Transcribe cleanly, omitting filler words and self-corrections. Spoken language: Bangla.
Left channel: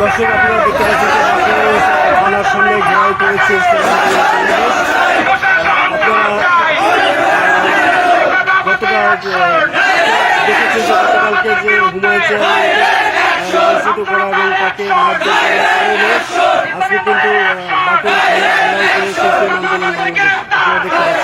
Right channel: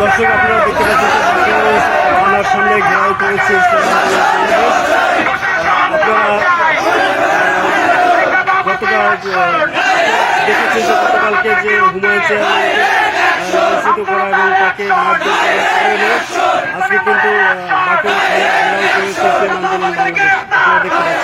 দর্শক আপনারা দেখতে পাচ্ছেন থানার সামনে ঘেরাও করেছে। আপনারা দেখেছেন যে গতকালকে যে হুমায়ুন চেয়ারম্যানকে করা এবং তাকে মারধর করার কারণে আজকে কিন্তু বাকি ঘেরাও করেছে আন্দোলন বাংলাদেশ। আপনারা দেখতে পাচ্ছেন।